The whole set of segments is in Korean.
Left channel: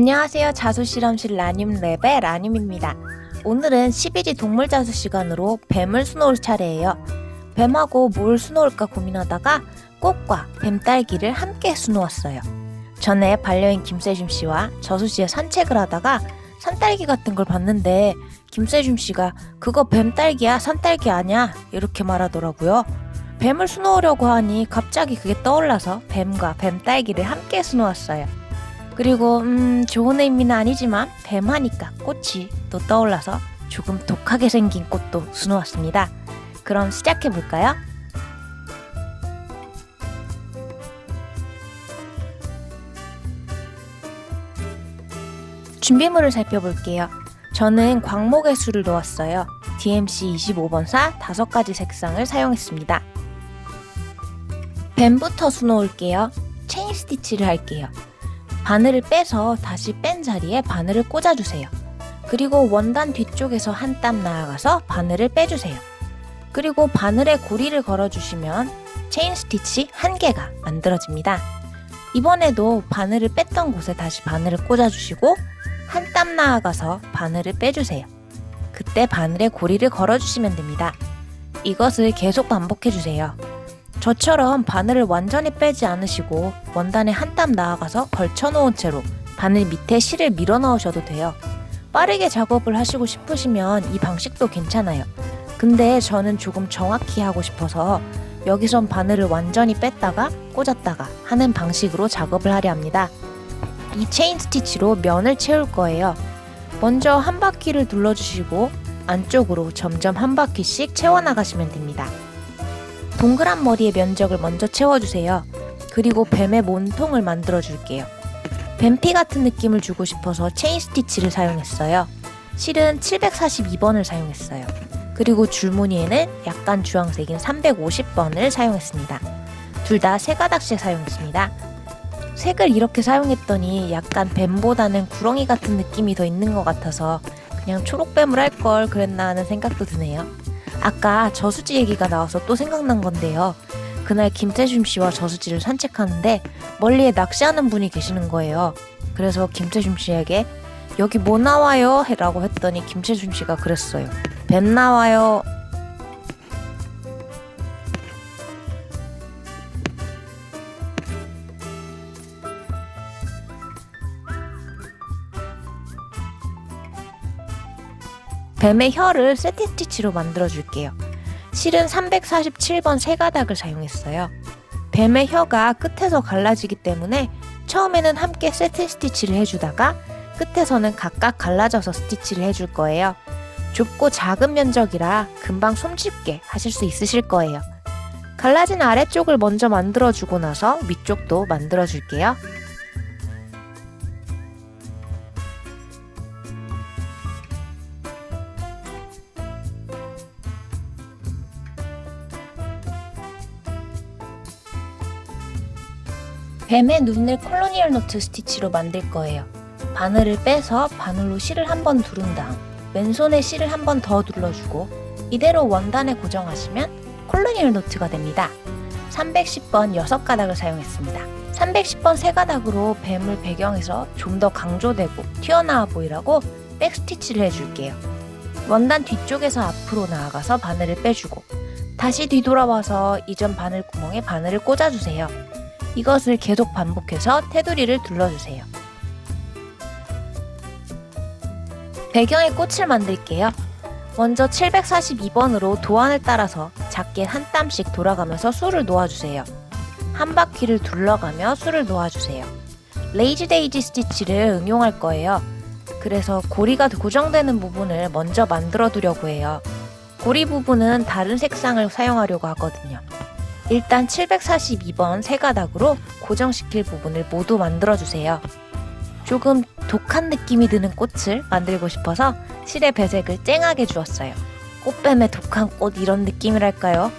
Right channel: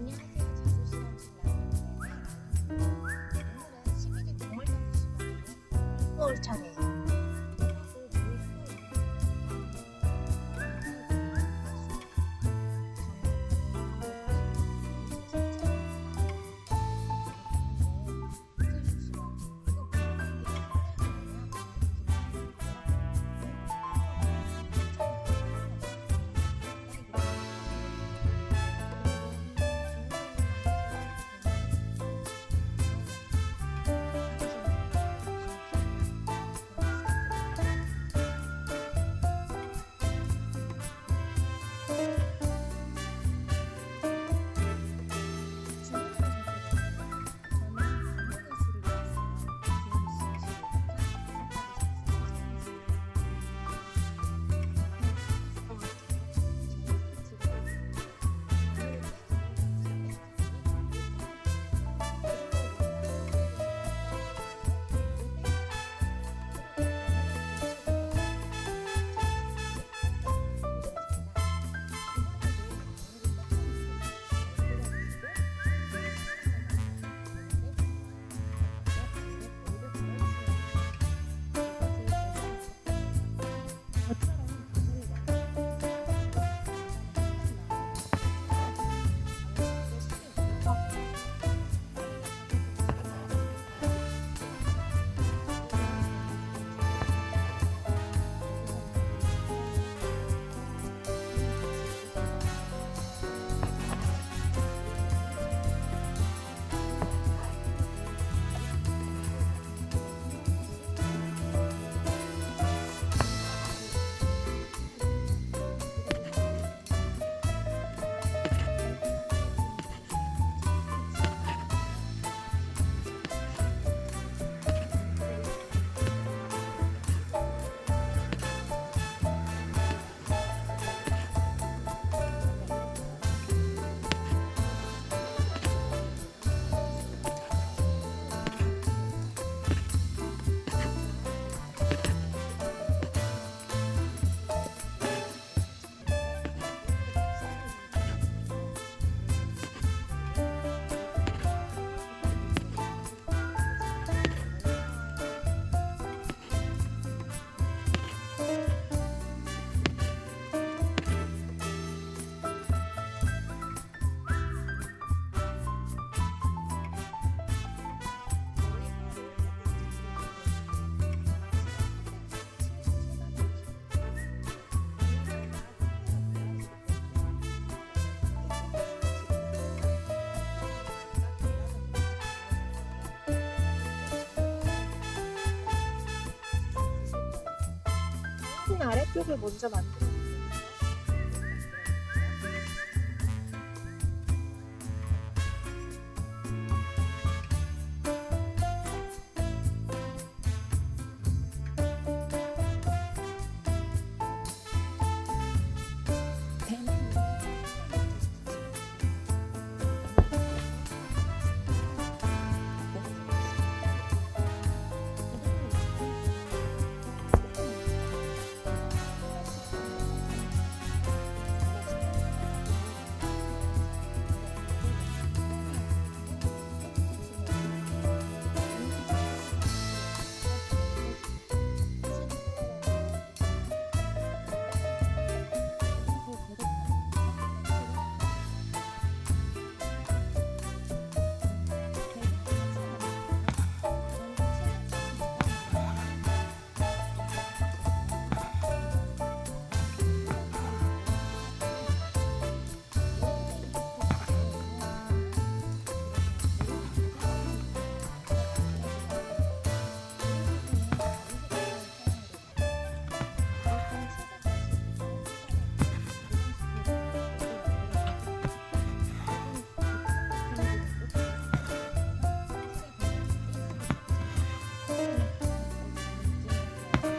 안녕하세요. 자수실험실 라늄랩의 라늄입니다. 오늘은 11위 동물자수 시간으로 뱀을 수놓을 차례예요. 뱀하고 뭘 수놓을까 고민하다가 꽃과 뱀딸기를 함께 수놓았어요. 전에 반려인 김세준 씨와 저수 씨의 산책을 하다가 산딸기 같은 걸 봤는데 김세준 씨가 그거 뱀딸기야, 산딸기 아니야 이렇게 말하더라고요. 뱀을 수놓으려고 하니 갑자기 그게 떠올라서 뱀과 뱀딸기를 함께 수놓았어요. 그리고 좋은 의미는 아니지만 뱀하니까 꽃이 또 떠올라서 조금 독하게 생긴 꽃도 수놓았습니다. 그럼 시작해볼까요? 준비물을 살펴볼게요. 저는 광목의 수를 놓았어요. DMC 25번사 5가지 색상을 사용했습니다. 뱀부터 수놓을게요. 체인 스티치를 할게요. 바늘을 빼서 다시 뺀 자리에 바늘을 꽂아주세요. 그리고 원단 뒤쪽에서 한 땀 나아가서 바늘을 빼주세요. 그리고 바늘에 고리를 걸어주시면 체인 스티치 1개가 만들어집니다. 이번에도 바늘을 뺐던 곳에 다시 바늘을 꽂아주시고 한 땀 나아가서 바늘을 빼주세요. 그때 바늘에 고리를 걸어주시면 됩니다. 이것을 계속 반복해주세요. 저처럼 바늘을 완전히 빼지 않으시고 원단에 한 땀 나아가서 걸쳐놓은 채로 바늘 밑에 실을 밀어 넣으셔도 돼요. 빠르게 작업을 하시고 싶으시면 이 방식도 괜찮아요. 근데 저는 조금 정확히 하고 싶어서 여기선 바늘을 완전히 뺐다가 꽂았다가 하는 방식으로 작업을 하려 합니다. 이 체인 스티치로 면을 채울 거예요. 먼저 한 바퀴를 둘러주시고 안쪽으로 점점 한 바퀴씩 채워나가시면 됩니다. 동그란 머리의 면적을 먼저 채워주세요. 그리고 뱀의 몸통을 만들어 줄게요. 뱀피 같은 느낌을 주고 싶어서 체인 스티치를 사용했어요. 실은 742번을 사용했어요. 그리고 줄무늬에는 약간 주황색인 350번을 사용했습니다. 둘 다 3가닥씩 사용했습니다. 색을 이렇게 사용했더니 약간 뱀보다는 구렁이 같은 느낌이 더 있는 것 같아서 그냥 초록뱀을 할 걸 그랬나 하는 생각도 드네요. 아까 저수지 얘기가 나와서 또 생각난 건데요. 그날 김태준 씨와 저수지를 산책하는데 멀리에 낚시하는 분이 계시는 거예요. 그래서 김태준 씨에게 여기 뭐 나와요? 라고 했더니 김태준 씨가 그랬어요. 뱀 나와요. 뱀의 혀를 세트 스티치로 만들어줄게요. 실은 347번 3가닥을 사용했어요. 뱀의 혀가 끝에서 갈라지기 때문에 처음에는 함께 세트 스티치를 해주다가 끝에서는 각각 갈라져서 스티치를 해줄 거예요. 좁고 작은 면적이라 금방 손쉽게 하실 수 있으실 거예요. 갈라진 아래쪽을 먼저 만들어주고 나서 위쪽도 만들어줄게요. 뱀의 눈을 콜로니얼 노트 스티치로 만들 거예요. 바늘을 빼서 바늘로 실을 한번 두른 다음 왼손에 실을 한번 더 눌러주고 이대로 원단에 고정하시면 콜로니얼 노트가 됩니다. 310번 6가닥을 사용했습니다. 310번 3가닥으로 뱀을 배경에서 좀 더 강조되고 튀어나와 보이라고 백스티치를 해줄게요. 원단 뒤쪽에서 앞으로 나아가서 바늘을 빼주고 다시 뒤돌아와서 이전 바늘 구멍에 바늘을 꽂아주세요. 이것을 계속 반복해서 테두리를 둘러주세요. 배경에 꽃을 만들게요. 먼저 742번으로 도안을 따라서 작게 한 땀씩 돌아가면서 수를 놓아주세요. 한 바퀴를 둘러가며 수를 놓아주세요. 레이지 데이지 스티치를 응용할 거예요. 그래서 고리가 고정되는 부분을 먼저 만들어 두려고 해요. 고리 부분은 다른 색상을 사용하려고 하거든요. 일단 742번 3가닥으로 고정시킬 부분을 모두 만들어주세요. 조금 독한 느낌이 드는 꽃을 만들고 싶어서 실의 배색을 쨍하게 주었어요. 꽃뱀의 독한 꽃 이런 느낌이랄까요?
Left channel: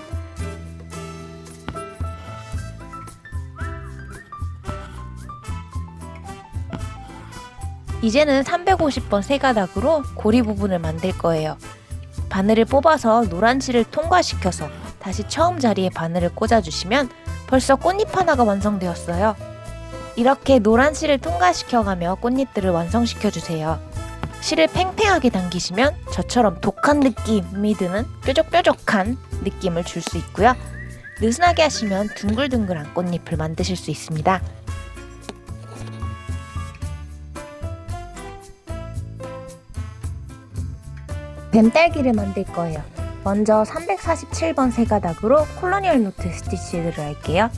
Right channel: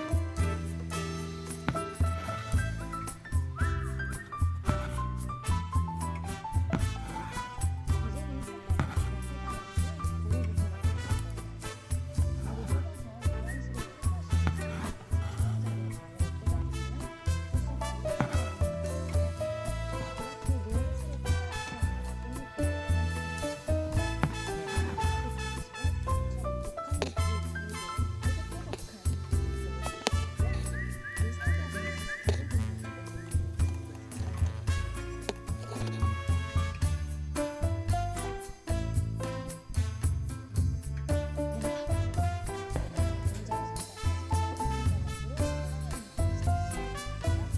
이제는 350번 3가닥으로 고리 부분을 만들 거예요. 바늘을 뽑아서 노란 실을 통과시켜서 다시 처음 자리에 바늘을 꽂아주시면 벌써 꽃잎 하나가 완성되었어요. 이렇게 노란 실을 통과시켜가며 꽃잎들을 완성시켜주세요. 실을 팽팽하게 당기시면 저처럼 독한 느낌이 드는 뾰족뾰족한 느낌을 줄 수 있고요. 느슨하게 하시면 둥글둥글한 꽃잎을 만드실 수 있습니다. 뱀딸기를 만들 거예요. 먼저 347번 세 가닥으로 콜로니얼 노트 스티치를 할게요.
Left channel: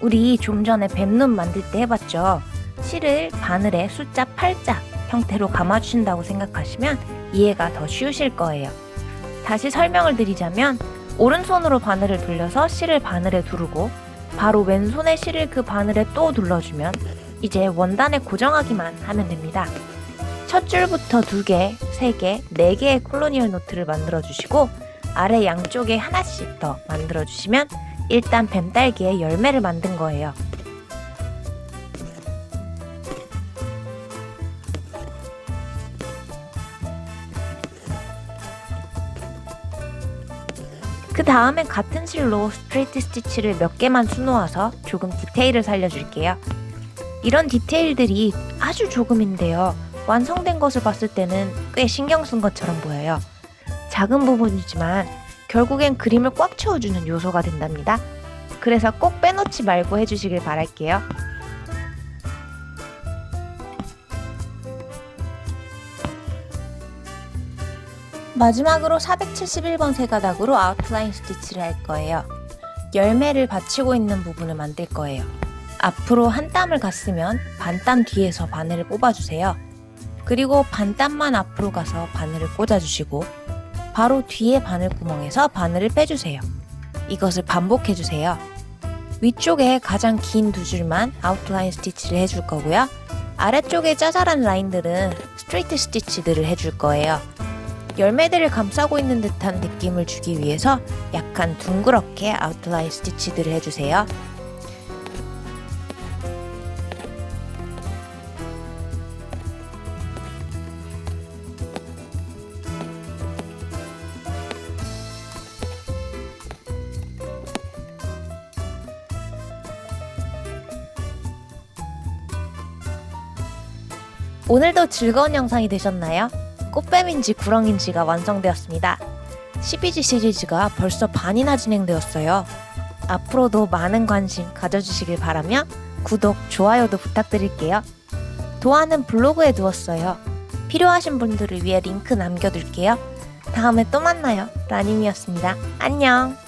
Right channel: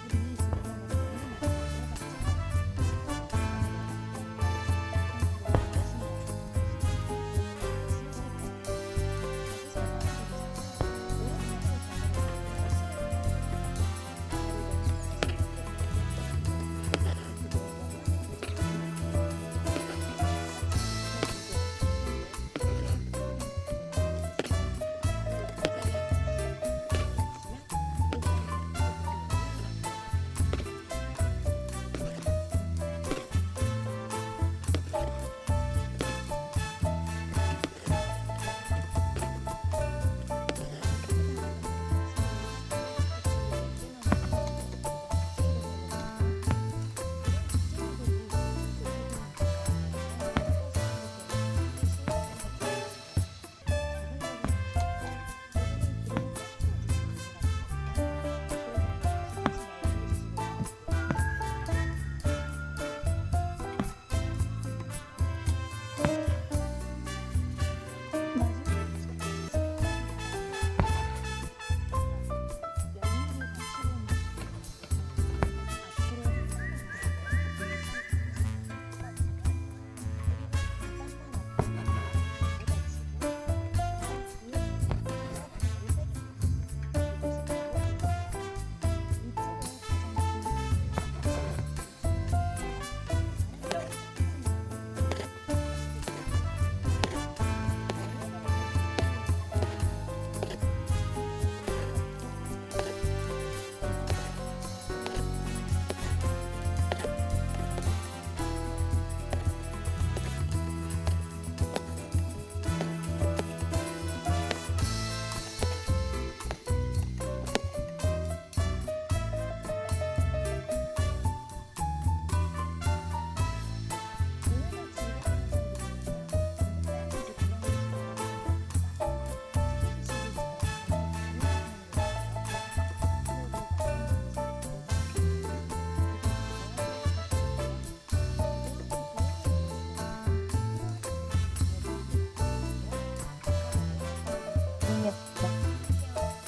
우리 좀 전에 뱀눈 만들 때 해봤죠? 실을 바늘에 숫자 8자 형태로 감아주신다고 생각하시면 이해가 더 쉬우실 거예요. 다시 설명을 드리자면 오른손으로 바늘을 돌려서 실을 바늘에 두르고 바로 왼손에 실을 그 바늘에 또 눌러주면 이제 원단에 고정하기만 하면 됩니다. 첫 줄부터 2개, 3개, 4개의 콜로니얼 노트를 만들어 주시고 아래 양쪽에 하나씩 더 만들어 주시면 일단 뱀딸기의 열매를 만든 거예요. 그 다음에 같은 실로 스트레이트 스티치를 몇 개만 수놓아서 조금 디테일을 살려줄게요. 이런 디테일들이 아주 조금인데요. 완성된 것을 봤을 때는 꽤 신경 쓴 것처럼 보여요. 작은 부분이지만 결국엔 그림을 꽉 채워주는 요소가 된답니다. 그래서 꼭 빼놓지 말고 해주시길 바랄게요. 마지막으로 471번 세 가닥으로 아웃라인 스티치를 할 거예요. 열매를 받치고 있는 부분을 만들 거예요. 앞으로 한 땀을 갔으면 반땀 뒤에서 바늘을 뽑아주세요. 그리고 반땀만 앞으로 가서 바늘을 꽂아주시고 바로 뒤에 바늘 구멍에서 바늘을 빼주세요. 이것을 반복해주세요. 위쪽에 가장 긴 2줄만 아웃라인 스티치를 해줄 거고요. 아래쪽에 짜잘한 라인들은 스트레이트 스티치들을 해줄 거예요. 열매들을 감싸고 있는 듯한 느낌을 주기 위해서 약간 둥그렇게 아웃라인 스티치들을 해주세요. 오늘도 즐거운 영상이 되셨나요? 꽃뱀인지 구렁인지가 완성되었습니다. 12지 시리즈가 벌써 반이나 진행되었어요. 앞으로도 많은 관심 가져주시길 바라며 구독, 좋아요도 부탁드릴게요. 도안은 블로그에 두었어요. 필요하신 분들을 위해 링크 남겨둘게요. 다음에 또 만나요. 라님이었습니다. 안녕!